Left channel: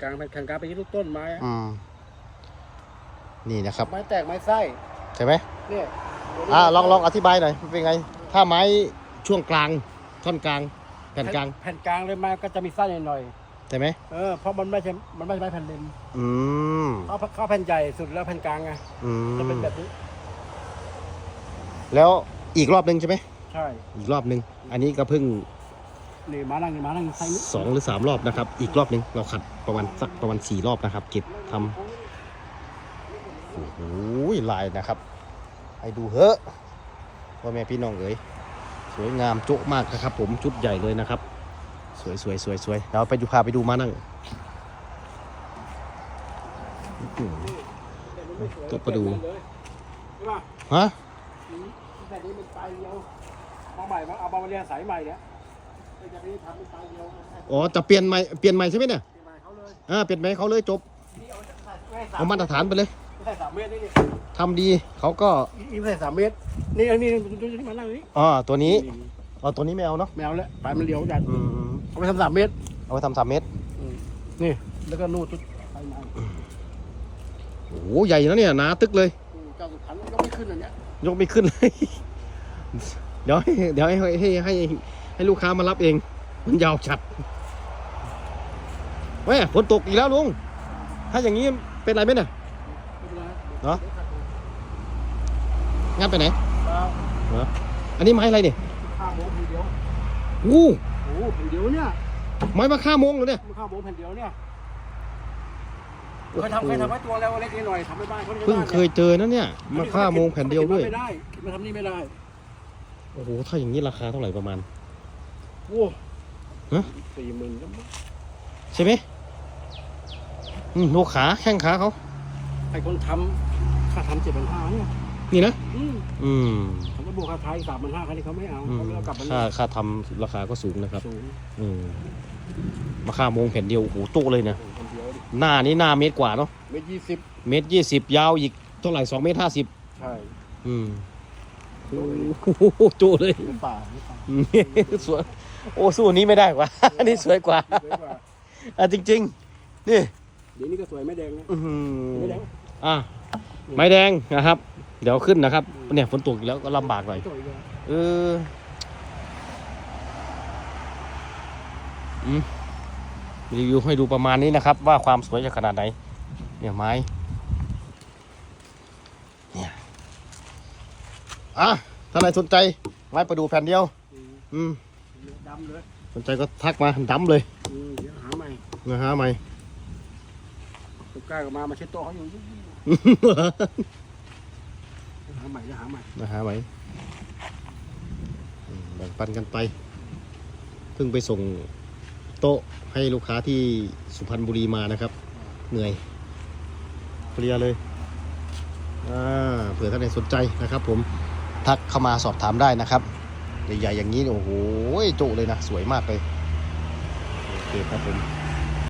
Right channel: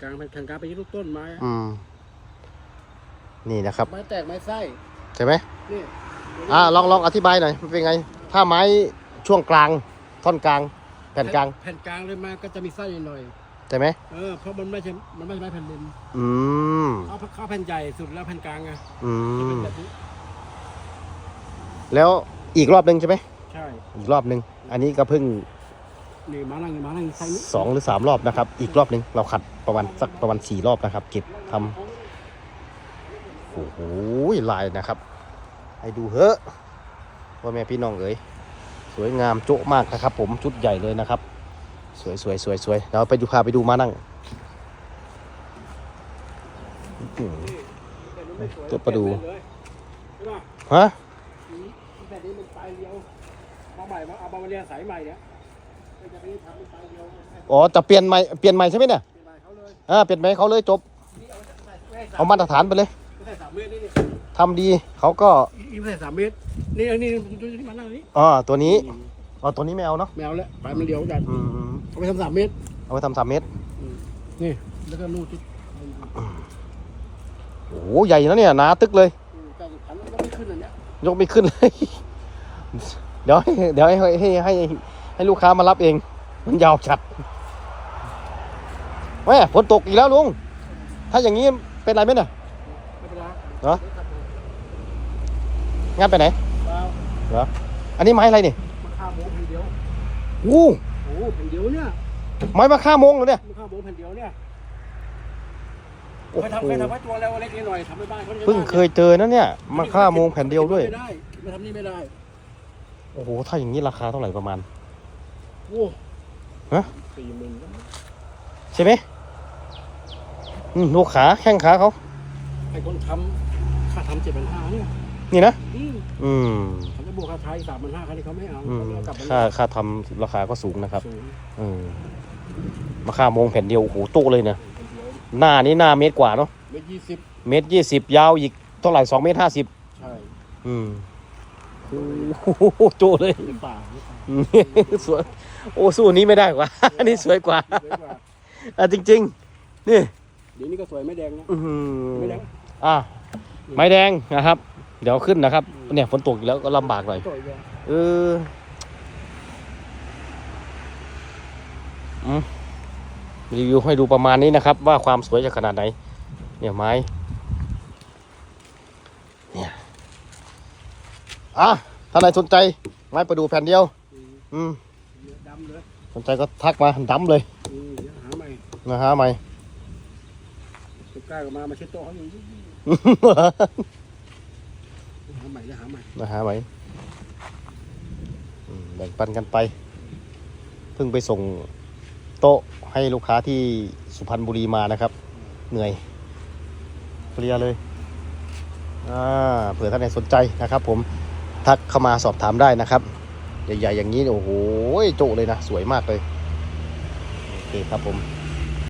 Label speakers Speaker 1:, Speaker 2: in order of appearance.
Speaker 1: กลางแผ่นกลางไปที่ลูกต้นไม้อะ
Speaker 2: อืม นี่นะครับ
Speaker 1: ไม้แตกไม้ไส้
Speaker 2: ใช่ไหม
Speaker 1: เนี่ยตัวนี้
Speaker 2: อ่าลองลองอธิบายหน่อยเป็นไง ถ้าไม้ช่วงกลาง ท่อนกลาง แผ่นกลาง
Speaker 1: แผ่นกลางเลยมาก็จะมีไส้หน่อย
Speaker 2: ใช่ไหม
Speaker 1: ๆเออเพราะมันไม่ใช่มันไม่ใช่ไม้แผ่นริม
Speaker 2: อืม
Speaker 1: เขาเขาแผ่นใหญ่สุดแล้วแผ่นกลางไง
Speaker 2: อื
Speaker 1: จะเป็น
Speaker 2: ม
Speaker 1: แบบนี้
Speaker 2: แล้วอีกรอบหนึ่งใช่ไหม
Speaker 1: ใช่
Speaker 2: อีกรอบหนึ่งอันนี้ก็เพิ่ง
Speaker 1: นี่มานั่งมานั่งไส้นี้
Speaker 2: สองหรือสามรอบนะครับ อีกรอบหนึ่งเราขัดประมาณสักประมาณสี่รอบนะครับ เก็บทำโอ้โหลายนะครับ ให้ดูเถอะว่าแม่พี่น้องเอ๋ยสวยงามโจ๊ะมากนะครับ ผมชุดใหญ่เลยนะครับ สวยสวยสวยสวยเราไปดูพาไปดูมานั่งอื้อหือจะไปดู
Speaker 1: ใช่ป่ะ
Speaker 2: ฮะ
Speaker 1: แบบนี้มันปลายเดียวมาใหม่มาเอามาเรียนสายใหม่เนี่ย
Speaker 2: อ๋อจะเปลี่ยนใหม่เปลี่ยนใหม่ใช่ไหมเนี่ย
Speaker 1: เป็นใหม่เขาเลย
Speaker 2: อ่าเปลี่ยนใหม่เขาเลยจบ
Speaker 1: นี่เอาไม่ให้ส
Speaker 2: เอามาตรฐานไปเลย
Speaker 1: ไม่ใช่สามเมตรนี่นี่
Speaker 2: ทำดีเขาก็
Speaker 1: อีไม่ใช่สามเมตร นี่อันนี้ดูที่มานั่งนี่
Speaker 2: อ่าตัวนี้เอาตัวนี้ไม่เอาเนาะ
Speaker 1: แมวแล้วปลายมันเลี้ยวดัน
Speaker 2: อืม
Speaker 1: เอาไปทำสามเมตร
Speaker 2: เอาไปทำสามเมตร
Speaker 1: นี่แล้วก็รูดจุดไปมา
Speaker 2: โอ้โหใหญ่นะเนี่ยหนาตึกเลย
Speaker 1: อืมเจ้าสุพรรณก็ไม่ขึ้นอันเนี้ย
Speaker 2: ยกไม่ขึ้นเลย เดี๋ยวให้เดี๋ยวให้ให้ให้ ให้ลูกค้ามารับเอง มันยาวจัดแม่ฝนตกอีกแล้วลุง ถ้าอย่างนี้เป็นไรไหมเนี่ย
Speaker 1: ไม่เป็นไร
Speaker 2: เหรอ
Speaker 1: ดี๋ยวขัดดู
Speaker 2: งานไปไหน
Speaker 1: เอา
Speaker 2: เหรออันนี้ไม้อะไรนี่
Speaker 1: มาข้าวโมงแผ่นเดียว
Speaker 2: อู้
Speaker 1: โอ้โหแผ่นเดียวเนี่ย
Speaker 2: ไม้มาฆ่าโมงเหรอเนี่ย
Speaker 1: มาข้าวโมงแผ่นเดียวเนี่ย
Speaker 2: โอ้
Speaker 1: เคยทำ
Speaker 2: โห
Speaker 1: เคยทำไว้ตัวแล้วเล็กนิดหน่อยทำไปบ้านเขา
Speaker 2: เพิ่งเคยเจอนะเนี่ยมาฆ่าโมงแผ่นเดียวด้วย
Speaker 1: ไม่ได้มาทำนี่ไม่ได้
Speaker 2: โอ้โหถ้าอย่างนี้ราคาเท่าไหร่ประมาณ
Speaker 1: โอ้
Speaker 2: ฮะ
Speaker 1: สี่หมื่นก็ไม่
Speaker 2: ใช่ไหมอืมลูกขาแข้งขาเขา
Speaker 1: ไอ้คนทำค่าทำเจ็ดพันห้าเนี่ย
Speaker 2: นี่นะ
Speaker 1: อืม
Speaker 2: อืม
Speaker 1: เขาจะบวกค่าไทยสามพันห้าคันนี้เขาไม่เอา
Speaker 2: อื
Speaker 1: เขา
Speaker 2: ม
Speaker 1: เลยเอากลับมา
Speaker 2: ค่าค่าทำราคาก็สูงนะครับ
Speaker 1: สูง
Speaker 2: อืมราคาโมงแผ่นเดียวโอ้โหตู้เลยเนี่ย
Speaker 1: คนเดียว
Speaker 2: หน้านี้หน้าเมตรกว่าเนาะ
Speaker 1: เมตรยี่สิบ
Speaker 2: เมตรยี่สิบยาวอีกเท่าไหร่สองเมตรห้าสิบ
Speaker 1: ใช่
Speaker 2: อืม โอ้โหตู้เลย
Speaker 1: หรือเปล่าหรือเปล่า
Speaker 2: สวยโอ้สู้อันนี้ไม่ได้กว่า อันนี้สวยกว่า
Speaker 1: สวยกว่า
Speaker 2: อะจริง ๆ นี่
Speaker 1: เดี๋ยวนี้ก็สวยไม่แดงนะ
Speaker 2: อื้อหือ
Speaker 1: ไม่แดง
Speaker 2: อะไม้แดงนะครับ เดี๋ยวขึ้นนะครับ เนี่ยฝนตกอีกแล้วก็ลำบากหน่อย
Speaker 1: สวยแดง
Speaker 2: เอออืมรีวิวให้ดูประมาณนี้นะครับ ว่าความสวยจะขนาดไหนเนี่ยไม้ เนี่ย อะถ้าใครสนใจไม้ประดูแผ่นเดียว
Speaker 1: อืม
Speaker 2: อืม
Speaker 1: ดำเลย
Speaker 2: สนใจก็ทักมาดำเลย
Speaker 1: อืมเดี๋ยวหาใหม่
Speaker 2: นะฮะใหม่
Speaker 1: ตุ๊กกล้าก็มามาเช็ดโต๊ะเขาอยู่หาใหม่นะหาใหม่
Speaker 2: นะฮะใหม่อืมแบ่งปันกันไป เพิ่งไปส่งโต๊ะให้ลูกค้าที่สุพรรณบุรีมานะครับ เหนื่อยเคลียร์เลย อ่าเผื่อท่านใดสนใจนะครับผม ทักเข้ามาสอบถามได้นะครับใหญ่ๆอย่างนี้โอ้โหโตเลยนะ สวยมากเลย โอเคครับผม